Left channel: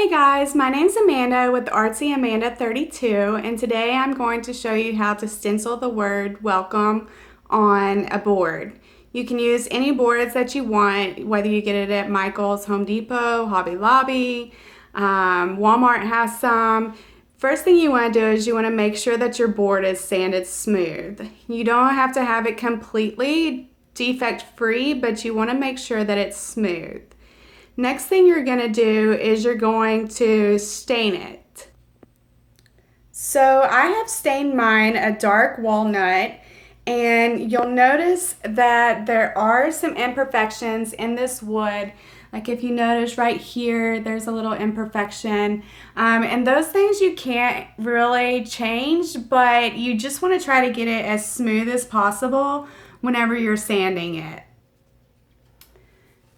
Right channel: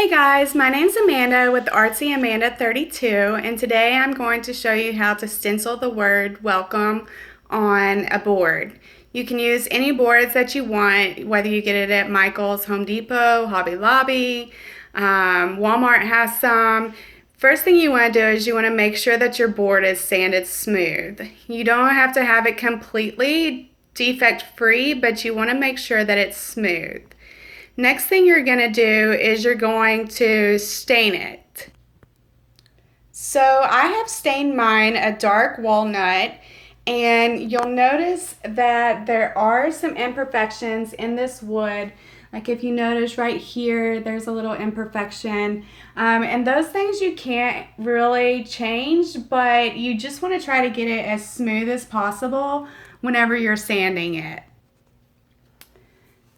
Hey guys, my name's Amanda with Artsy Amanda 32, and today I'm going to show you how to stencil the word welcome on a board. You can use any boards that you want, whether you get it at Michael's, Home Depot, Hobby Lobby, Walmart has some. First thing you want to do is you want to make sure that your board is sanded smooth. You don't have to have it completely defect free, but you want to make sure that it's smooth. Next thing you're going to do is you're going to stain it. So I have stained mine a dark walnut, and you'll notice that there are some imperfections in this wood. Like if you notice right here, there's a little imperfection. And those things you can't really change, but you just want to try to get it as smooth as possible whenever you're sanding it.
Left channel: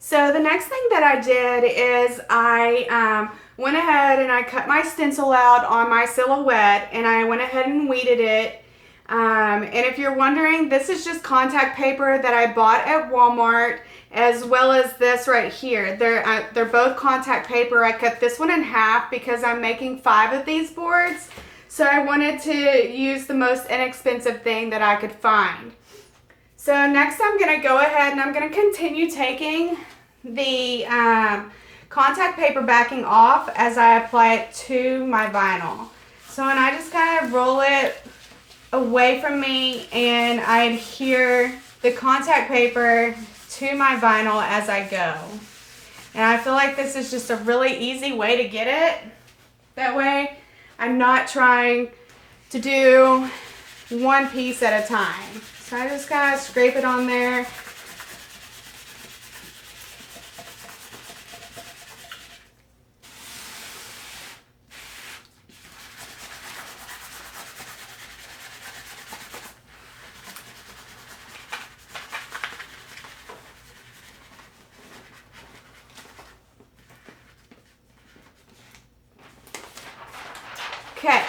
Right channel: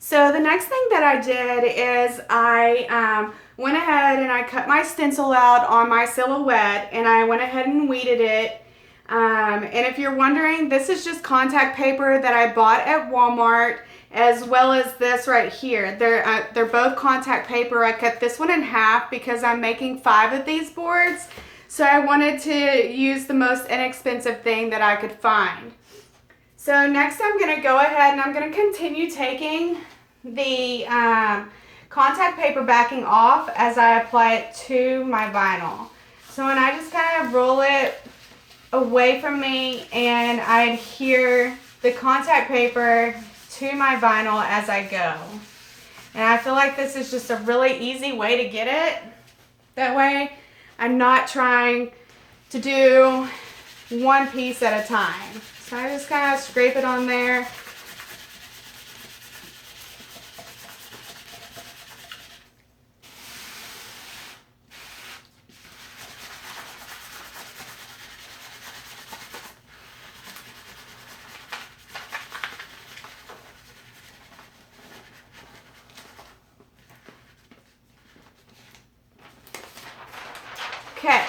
So the next thing that I did is I went ahead and I cut my stencil out on my silhouette, and I went ahead and weeded it. And if you're wondering, this is just contact paper that I bought at Walmart, as well as this right here. They're both contact paper. I cut this one in half because I'm making 5 of these boards. So I wanted to use the most inexpensive thing that I could find. So next I'm going to go ahead and I'm going to continue taking the contact paper backing off as I apply it to my vinyl. So when I just kind of roll it away from me and I adhere the contact paper to my vinyl as I go. And I feel like this is just a really easy way to get it. That way I'm not trying to do one piece at a time. So I just kind of scrape it on there. Okay.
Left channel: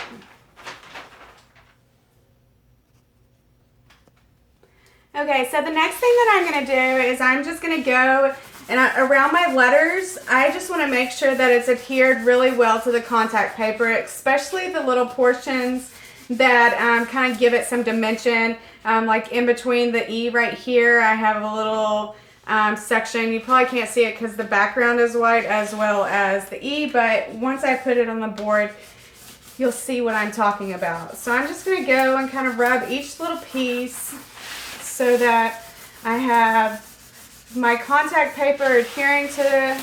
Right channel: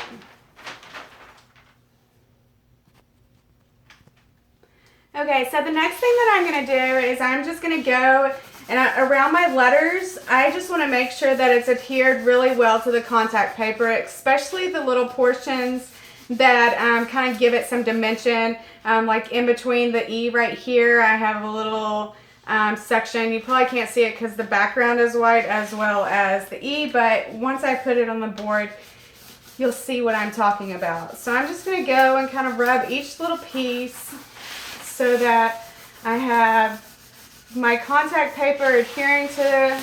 Okay, so the next thing that I'm going to do is I'm just going to go and around my letters, I just want to make sure that it's adhered really well to the contact paper, especially the little portions that kind of give it some dimension. Like in between the E right here, I have a little section. You probably can't see it because the background is white, as well as the E, but once I put it on the board, you'll see what I'm talking about. So I'm just going to go and kind of rub each little piece so that I have my contact paper adhering to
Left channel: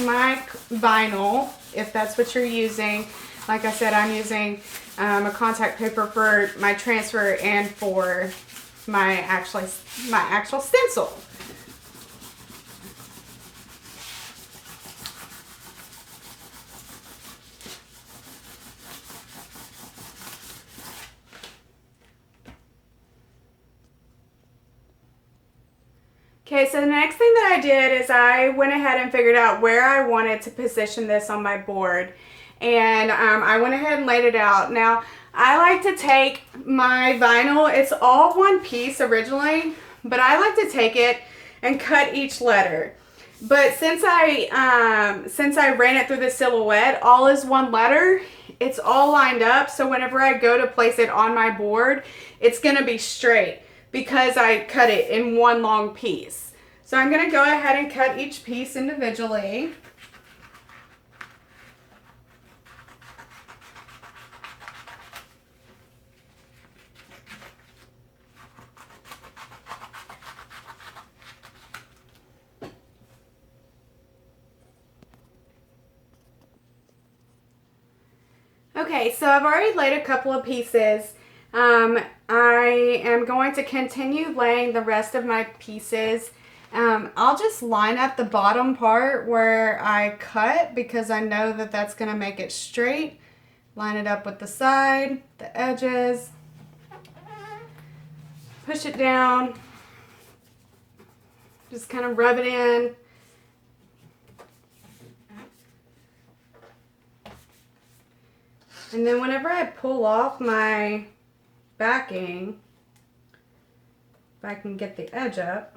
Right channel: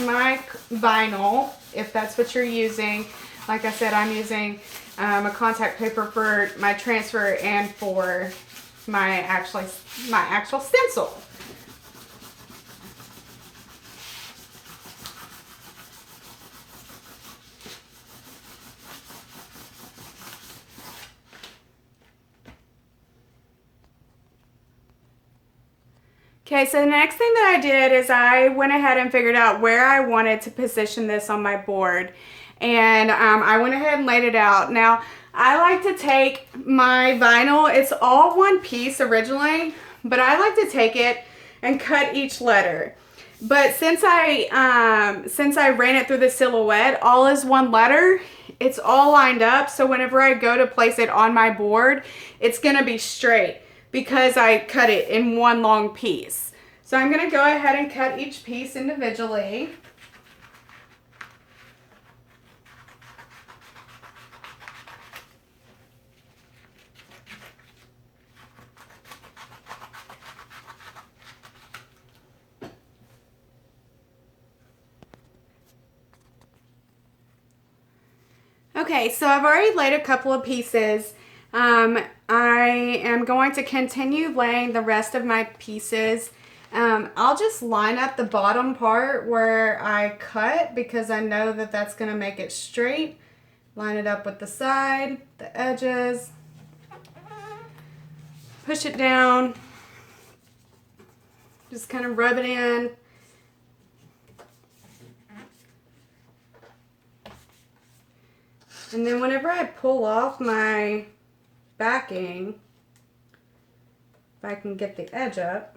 my vinyl, if that's what you're using. Like I said, I'm using a contact paper for my transfer and for my actual stencil. Okay, so the next thing that I did is I went ahead and figured out where I wanted to position this on my board. And I went ahead and laid it out. Now, I like to take my vinyl, it's all one piece originally, but I like to take it and cut each letter. But since I ran it through the silhouette, all is one letter, it's all lined up, so whenever I go to place it on my board, it's going to be straight, because I cut it in one long piece. So I'm going to go ahead and cut each piece individually. Okay, so I've already laid a couple of pieces. I am going to continue laying the rest of my pieces. I'll just line up the bottom part where I cut, because I know that that's going to make it straight. Line it up with the side, the edges. Push it down. Just kind of rub it in. And then whenever I pull off my backing, if I can get the edge up,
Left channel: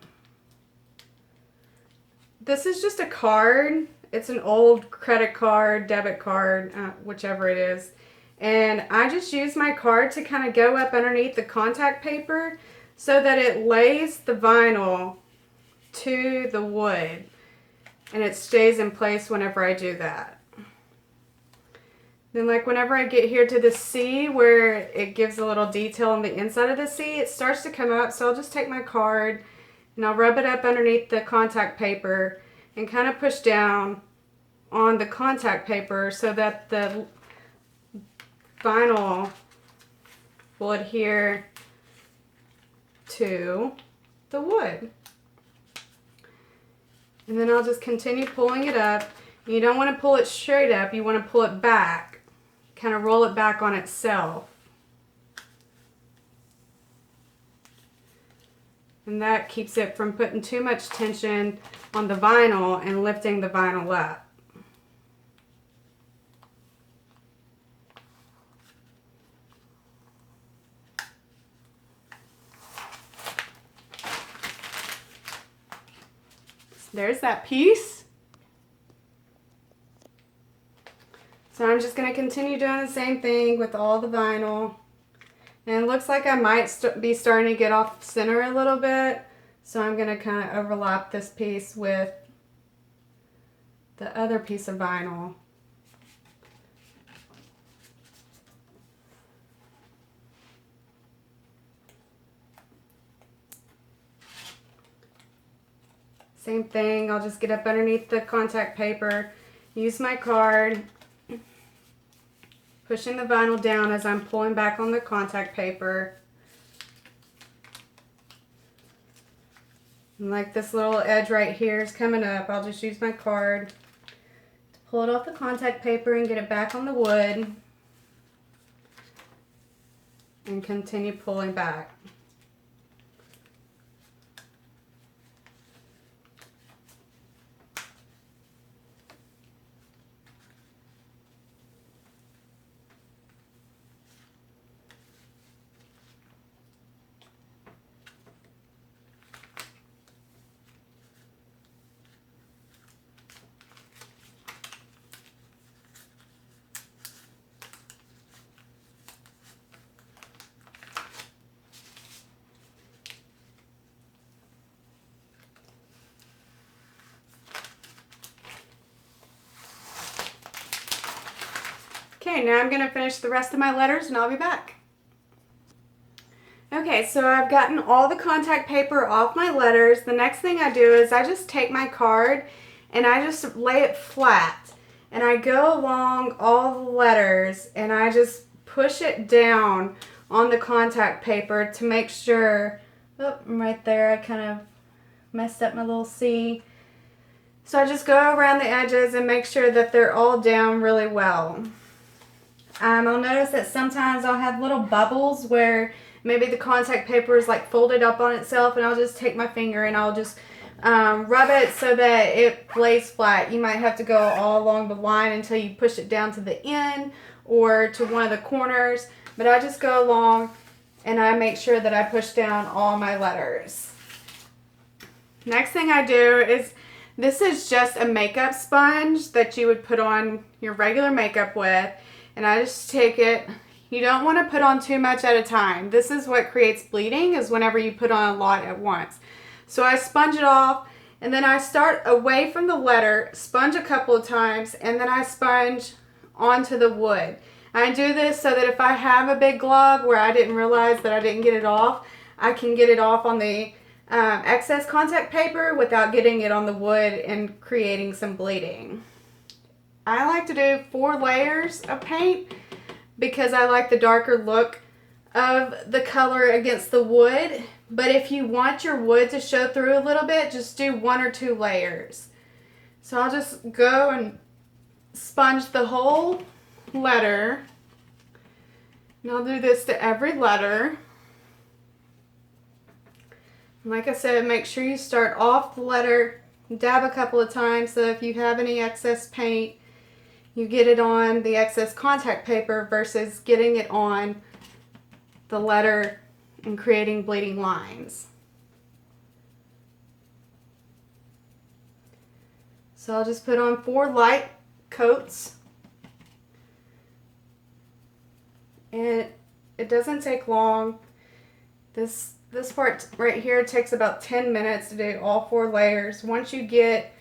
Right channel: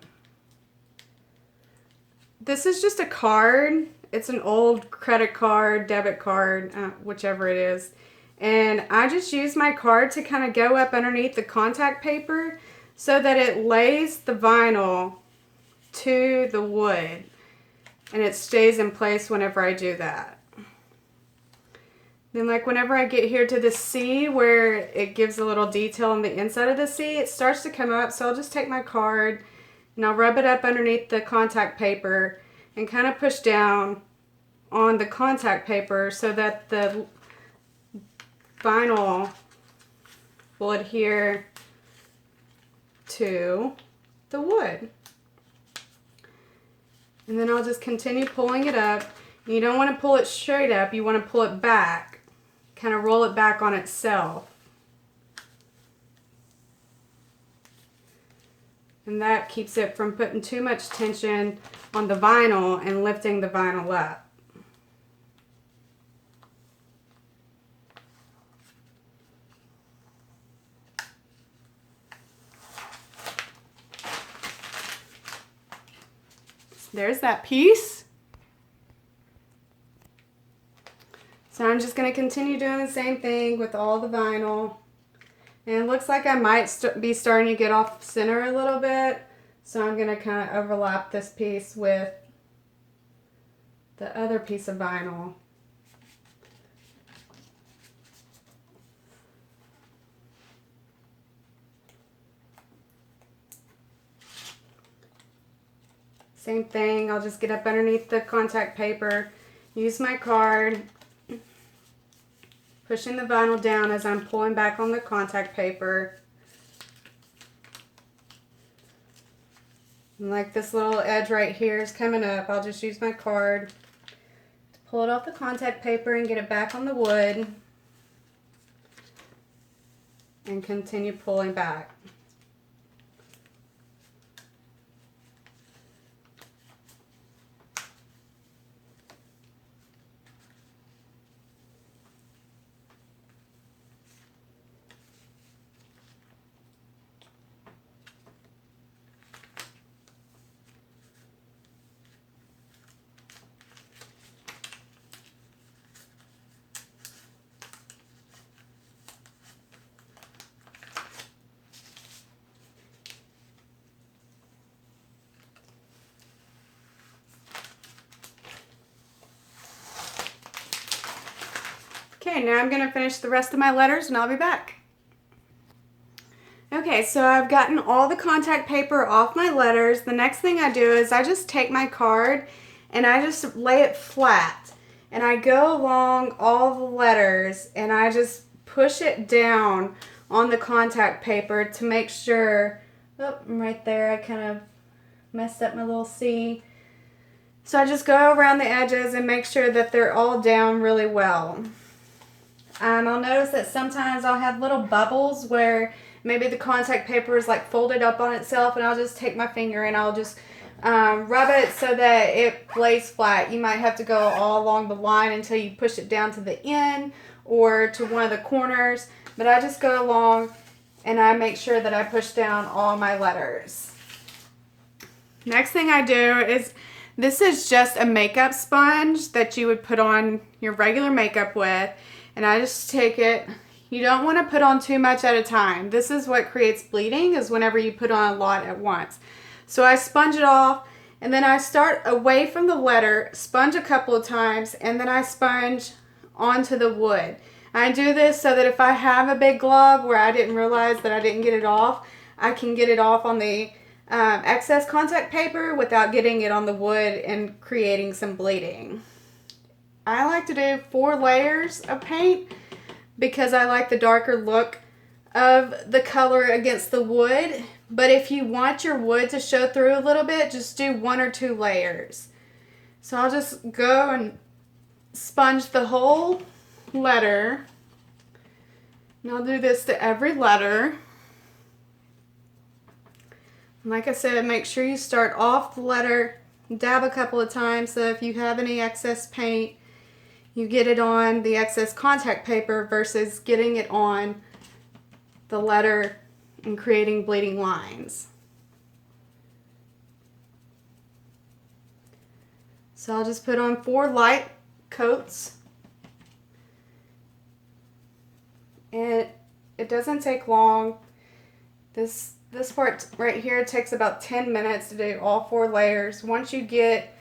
this is just a card. it's an old credit card, debit card, whichever it is. And I just use my card to kind of go up underneath the contact paper so that it lays the vinyl to the wood and it stays in place whenever I do that. Then like whenever I get here to the C where it gives a little detail on the inside of the C, it starts to come up. So I'll just take my card and I'll rub it up underneath the contact paper and kind of push down on the contact paper so that the vinyl will adhere to the wood. And then I'll just continue pulling it up. You don't want to pull it straight up, you want to pull it back. Kind of roll it back on itself. And that keeps it from putting too much tension on the vinyl and lifting the vinyl up. There's that piece. So I'm just going to continue doing the same thing with all the vinyl. And it looks like I might be starting to get off center a little bit. So I'm going to kind of overlap this piece with the other piece of vinyl. Same thing, I'll just get up underneath the contact paper, use my card, pushing the vinyl down as I'm pulling back on the contact paper. And like this little edge right here is coming up, I'll just use my card to pull it off the contact paper and get it back on the wood and continue pulling back. Okay, now I'm going to finish the rest of my letters and I'll be back. Okay, so I've gotten all the contact paper off my letters. The next thing I do is I just take my card and I just lay it flat. And I go along all the letters and I just push it down on the contact paper to make sure, oh, right there I kind of messed up my little C. So I just go around the edges and make sure that they're all down really well. I'll notice that sometimes I'll have little bubbles where maybe the contact paper is like folded up on itself, and I'll just take my finger and I'll just rub it so that it lays flat. You might have to go all along the line until you push it down to the end or to one of the corners, but I just go along and I make sure that I push down all my letters. Next thing I do is, this is just a makeup sponge that you would put on your regular makeup with. And I just take it. You don't want to put on too much at a time. This is what creates bleeding, is whenever you put on a lot at once. So I sponge it off, and then I start away from the letter, sponge a couple of times, and then I sponge onto the wood. I do this so that if I have a big glob where I didn't realize that I didn't get it off, I can get it off on the excess contact paper without getting it on the wood and creating some bleeding. I like to do 4 layers of paint because I like the darker look of the color against the wood. But if you want your wood to show through a little bit, just do 1 or 2 layers. So I'll just go and sponge the whole letter. And I'll do this to every letter. And like I said, make sure you start off the letter, dab a couple of times so if you have any excess paint, you get it on the excess contact paper versus getting it on the letter and creating bleeding lines. So I'll just put on 4 light coats. And it doesn't take long. This part right here takes about 10 minutes to do all 4 layers. Once you get,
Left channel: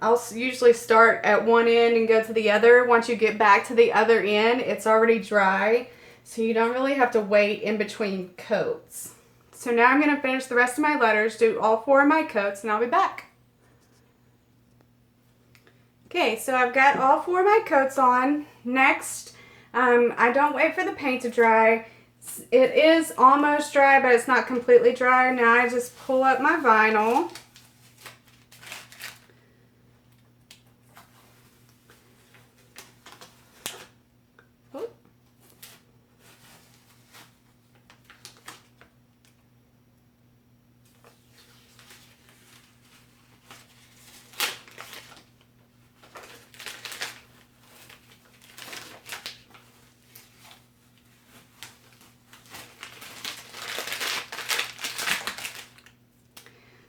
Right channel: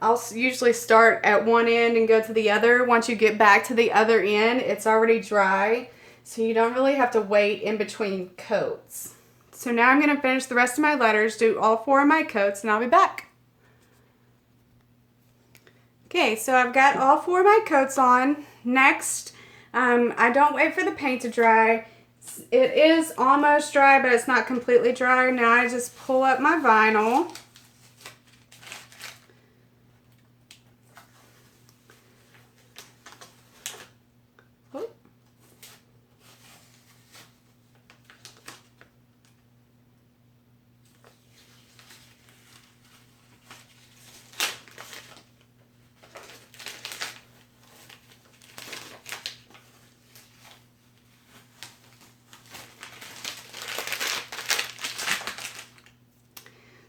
I'll usually start at one end and go to the other. Once you get back to the other end, it's already dry. So you don't really have to wait in between coats. So now I'm going to finish the rest of my letters, do all 4 of my coats, and I'll be back. Okay, so I've got all 4 of my coats on. Next, I don't wait for the paint to dry. It is almost dry, but it's not completely dry. Now I just pull up my vinyl.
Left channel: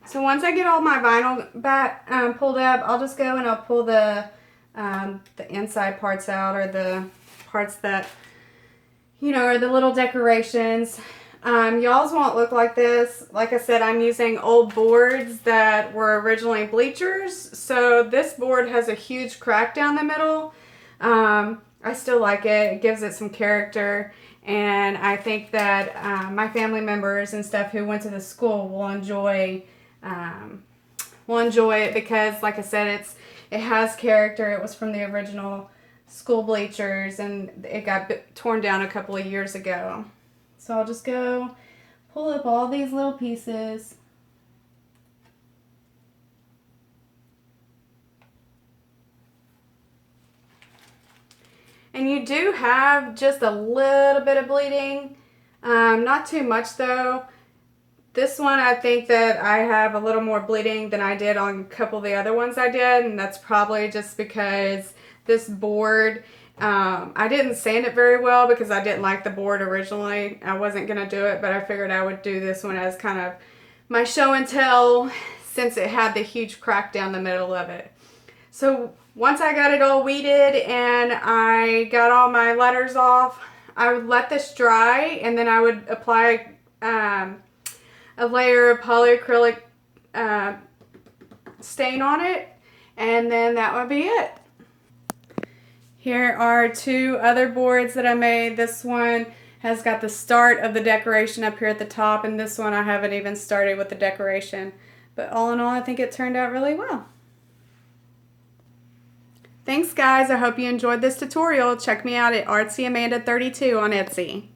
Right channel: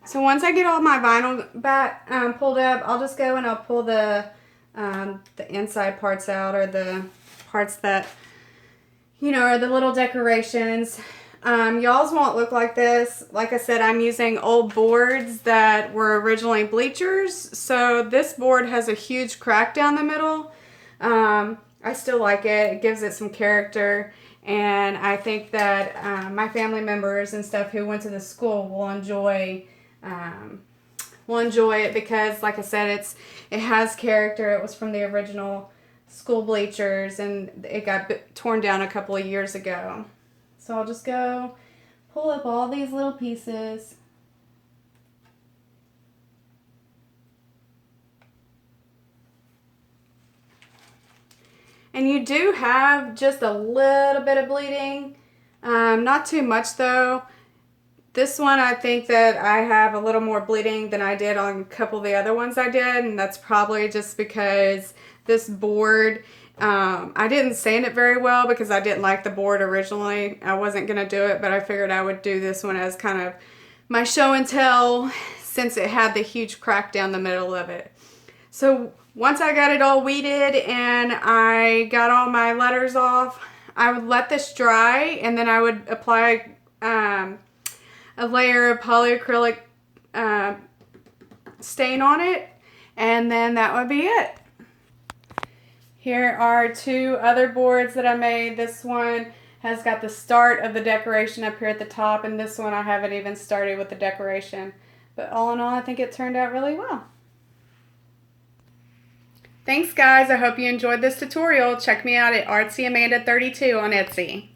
So once I get all my vinyl back pulled up, I'll just go and I'll pull the inside parts out, or the parts that, you know, are the little decorations. Y'all's won't look like this. Like I said, I'm using old boards that were originally bleachers. So this board has a huge crack down the middle. I still like it. It gives it some character. And I think that my family members and stuff who went to the school will enjoy it because, like I said, it has character. It was from the original school bleachers, and it got torn down a couple of years ago. So I'll just go pull up all these little pieces. And you do have just a little bit of bleeding, not too much though. This one, I think that I have a little more bleeding than I did on a couple of the other ones I did, and that's probably just because this board, I didn't sand it very well because I didn't like the board originally. I wasn't going to do it, but I figured I would do this one as kind of my show and tell since it had the huge crack down the middle of it. So once I got it all weeded and I got all my letters off, I would let this dry, and then I would apply a layer of polyacrylic stain on it, and then that would be it. Here are 2 other boards that I made. This one has got the start of the decoration up here at the top, and this one I haven't even started with the decoration. But all in all, I think it turned out really well. Thanks guys, I hope you enjoyed this tutorial. Check me out at ArtsyAmanda32 on Etsy.